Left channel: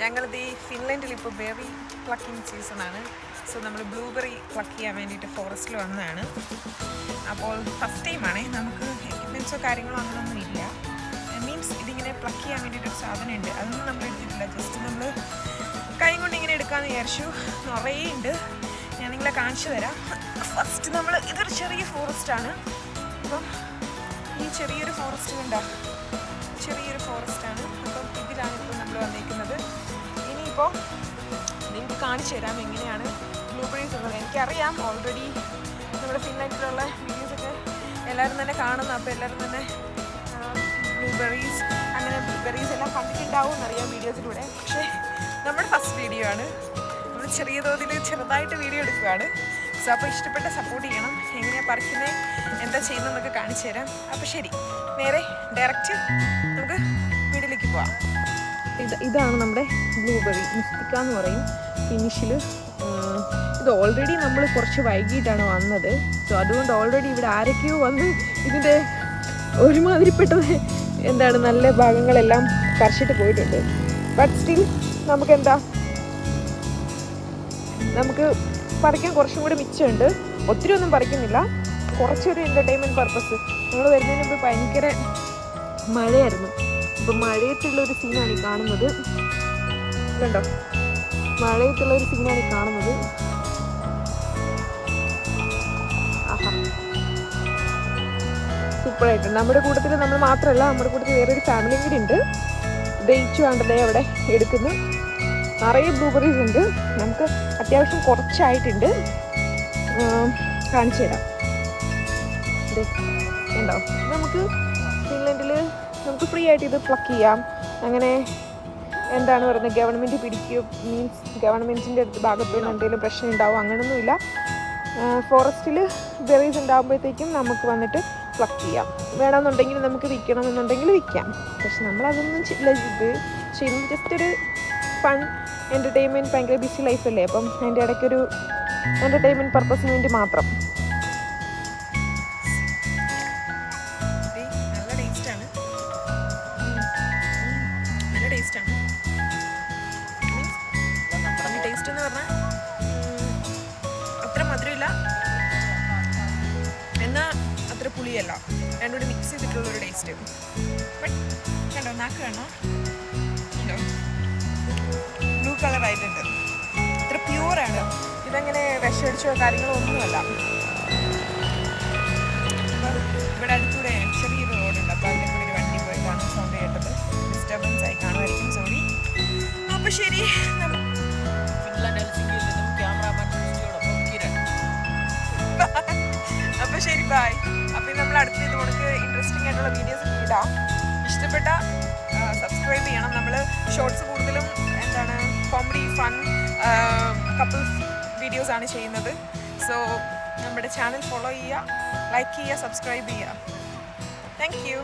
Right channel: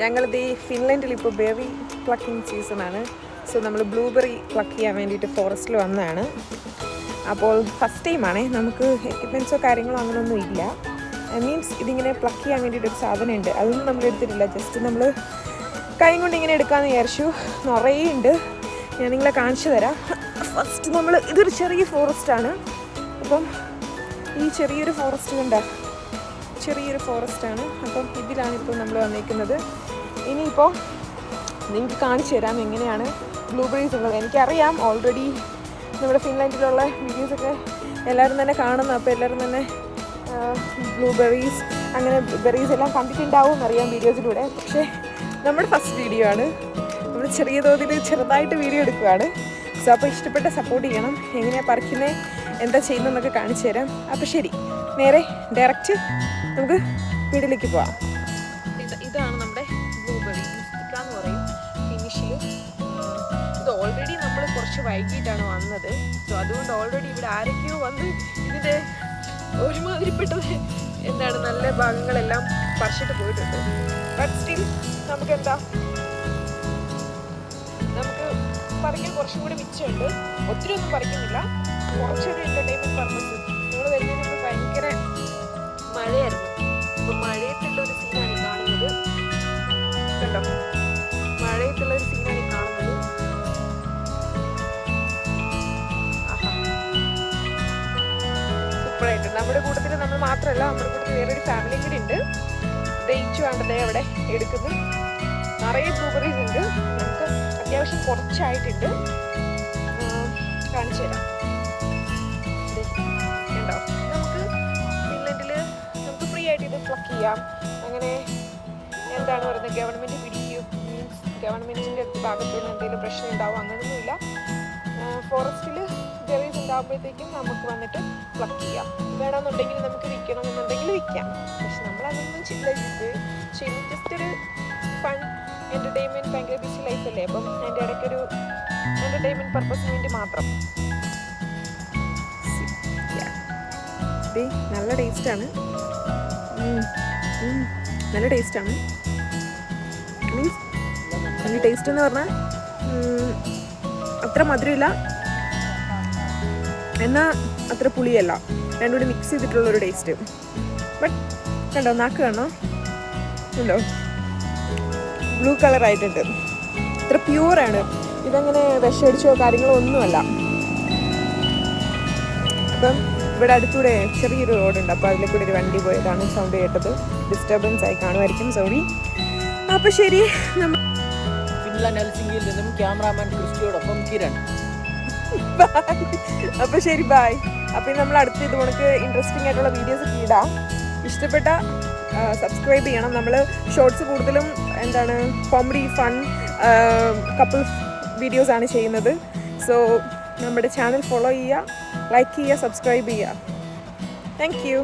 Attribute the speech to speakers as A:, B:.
A: ഞങ്ങളിത് ഈ ഫിൻലൻഡിൽ ഇപ്പോൾ ബെറി പ്ലക്കിംഗ് സീസണാണ്. സോ നമ്മൾ ബ്ലൂബെറി പ്ലക്ക് ചെയ്യാൻ വേണ്ടിയിട്ട് ഫോറസ്റ്റിൽ വന്നതാണ്. അപ്പോൾ ഫസ്റ്റ് ടൈമാണേ നമുക്ക് എക്യുപ്മെൻസോ കാര്യങ്ങളോ അങ്ങനെയൊന്നും ഇല്ല. മീൻസ് ഇതിങ്ങനെ പ്ലക്ക് ചെയ്യാൻ വേണ്ടിയിട്ടൊരു സാധനമുണ്ട്. അതൊന്നും നമ്മൾ എടുത്തിട്ടില്ല. ജസ്റ്റ് നമ്മൾ കൈ കൊണ്ട് ഇങ്ങനെ എടുക്കാമെന്ന് വിചാരിച്ചു. നിറയെ ഉണ്ട്. ഞാൻ നിങ്ങളെ കാണിച്ചു തരാം. ഫസ്റ്റ് നമ്മൾ ഇതൊരു ചെറിയ ഫോറസ്റ്റാണ് അപ്പം ഈ ചെറിയൊരു ഫോറസ്റ്റ് കണ്ട ചെറിയൊരു ഫോറസ്റ്റാണ് അപ്പം ഇതിലാണ് ഇപ്പോൾ നമ്മൾ വന്നിരിക്കുന്നത്. ഇനിയിപ്പോൾ നിങ്ങൾക്ക് കാണിച്ചു തരാം എങ്ങനെയാണ് ബ്ലൂബെറീസ് ഉള്ളത് എനിക്കറിയാം ഓൾറെഡി നമ്മുടെ ഫിൻലാൻഡിലുള്ള വീഡിയോസൊക്കെ എല്ലാവരും തന്നെ കാണുന്നു. അപ്പോൾ എല്ലാവരും തന്നെ ബ്ലൂബെറീസ് അങ്ങനെ ബെറീസ് എല്ലാം കണ്ടിട്ടുണ്ടാവും. അറിയാം വീഡിയോസിലൂടെ. പക്ഷേ നമ്മുടെ ഫസ്റ്റ് വീഡിയോ ആണ്. നമ്മൾ ചെറിയ തോതിൽ ചെറുതായിട്ട് വീഡിയോ എടുക്കുകയാണ് സോ അപ്പോൾ ഇഷ്ടപ്പെട്ട സപ്പോർട്ട് ചെയ്യണം. എങ്ങനെയാണ് പറിക്കുന്നത് എന്താ ചെയ്യുന്നതെന്നൊക്കെ കാണിച്ചു തരാം. അപ്പോൾ ശരി നേരെ ഡയറക്റ്റ് നമുക്ക് വീട്ടിലേക്ക് പോവാം. ഇത് ഇതാണ് നമ്മുടെ ബ്ലൂബെറി മുസ്തിക്ക എന്ന് പറയും ഫിനിഷിൽ ഇത് ഓൾറെഡി നമ്മൾ കുറച്ച് വൈകിട്ടാണ് വന്നത്. സോ അതുകൊണ്ട് ഓൾറെഡി ഇവിടെ ആരൊക്കെയോ വന്ന് ഇതിന്റെ ഒരുമാതിരിപ്പെട്ടത് എന്താണ് നല്ല ഭാഗങ്ങളെല്ലാം പറിച്ചിട്ട് പോയിട്ടുണ്ട്. ബട്ട് സ്റ്റിൽ നമുക്ക് എന്താ നമുക്ക് പറിക്കാൻ കുറച്ചും കൂടി മിച്ചമുണ്ട്. ഒത്തിരി ഒന്നും പറിക്കുന്നില്ല. കുറച്ചൊരു എന്റർടൈൻമെന്റ് പർപ്പസ് നമ്മൾ വരുന്നത് ഭയങ്കര മഴയായിരുന്നു. ഇപ്പം മഴയത്തുള്ളൊരു സീനാണ് കാണുന്നത്. മഴയത്തുള്ളൊരു സീനാണ് കാണുന്നത്. സൂപ്പറായിട്ടുണ്ട് നമ്മുടെ കൂട്ടത്തിൽ നമ്മൾ മാത്രമല്ല നമ്മുടെ കൂട്ടത്തിൽ വേറൊരു ഫാമിലി കൂടി ഉണ്ട്. ദയിച്ചു കണ്ടതേ അവിടെ എടുക്കുന്നു. നിറയെ ബ്ലൂബെറീസ് ഉണ്ട്. അത്യാവശ്യം കുറച്ചായിട്ടുണ്ട്. കാണിച്ചു തരാം. നമുക്ക് ഫിൻലൻഡിൽ നമുക്ക് ഫ്രീ ആയിട്ട് ഇത് പ്ലക്ക് ചെയ്യാം. അങ്ങനെ എന്താണ് പറയുന്നത്? ഗവൺമെന്റ് പിടിക്കുകയോ മീൻസ് ഗവൺമെന്റിന്റെ ഭാഗത്ത് നിന്ന് എന്തെങ്കിലും പ്രശ്നം ഉണ്ടാവും അങ്ങനെയൊന്നുമില്ല ഫോറസ്റ്റിൽ ബെറീസ് ഉണ്ടാകുമ്പോഴത്തേക്കും നമുക്ക് വന്നിട്ട് പ്ലക്ക് ചെയ്യാം. വേണമെന്നുണ്ടെങ്കിൽ നമുക്ക് വിൽക്കണമെന്നുണ്ടെങ്കിൽ വിൽക്കാം. പക്ഷെ നമ്മൾ ചെയ്യില്ല ഇത് ശരി ജസ്റ്റ് ഒരു ഫൺ എന്റർടൈൻമെന്റ് ഭയങ്കര ബിസി ലൈഫല്ലേ അപ്പം എന്റെ ഇടയ്ക്കൊരു എന്റർടൈൻമെന്റ് പർപ്പസിന് വേണ്ടി മാത്രം. നല്ല ടേസ്റ്റാണ് നല്ല ടേസ്റ്റാണ് മീൻസ് ടേസ്റ്റ് എന്ന് പറഞ്ഞാൽ അത്ര മധുരമില്ല. എന്നാൽ അത്ര പുളിയല്ല. രണ്ടുകൂടി മിക്സ് ചെയ്തിട്ടുള്ള ഒരു ടേസ്റ്റ് ബട്ട് കണ്ടോ നാക്ക് കാണോ ഉണ്ടോ ബ്ലൂ കളർ ആയിട്ടുണ്ട്. ഇത്ര പ്യൂറാണ് ഇതങ്ങനെ വിഷമടിച്ചോ കാര്യങ്ങളോ ഒന്നുമല്ല. അപ്പം ഇവിടെ അടുത്തൂടെ ചെറിയൊരു റോഡുണ്ട്. അപ്പോൾ അതിലെ കൂടെ ഒരു വണ്ടി പോയതാണ് സൗണ്ട് കേട്ടത്. ഡിസ്റ്റർബൻസ് ആയി കാണുമായിരിക്കും സോറി അപ്പോൾ ശരി അപ്പൊ ശരി ബായ് അപ്പം നമ്മൾ അടുത്ത ഇത് കണക്ക് ഇൻട്രസ്റ്റിംഗ് ആയിട്ടുള്ള വീഡിയോസ് ഇടാം ഇഷ്ടപ്പെട്ട സബ്സ്ക്രൈബ് ചെയ്യണം. നമ്മൾ ഷോർട്സ് കൂടുതലും എന്താണ് കോമഡി ഫൺ കപ്പിൾ വീഡിയോസ് ആണ് ചെയ്യുന്നത്. സോ നമ്മുടെ ചാനൽ ഫോളോ ചെയ്യുക ലൈക്ക് ചെയ്യുക സബ്സ്ക്രൈബ് ചെയ്യുക. Thank you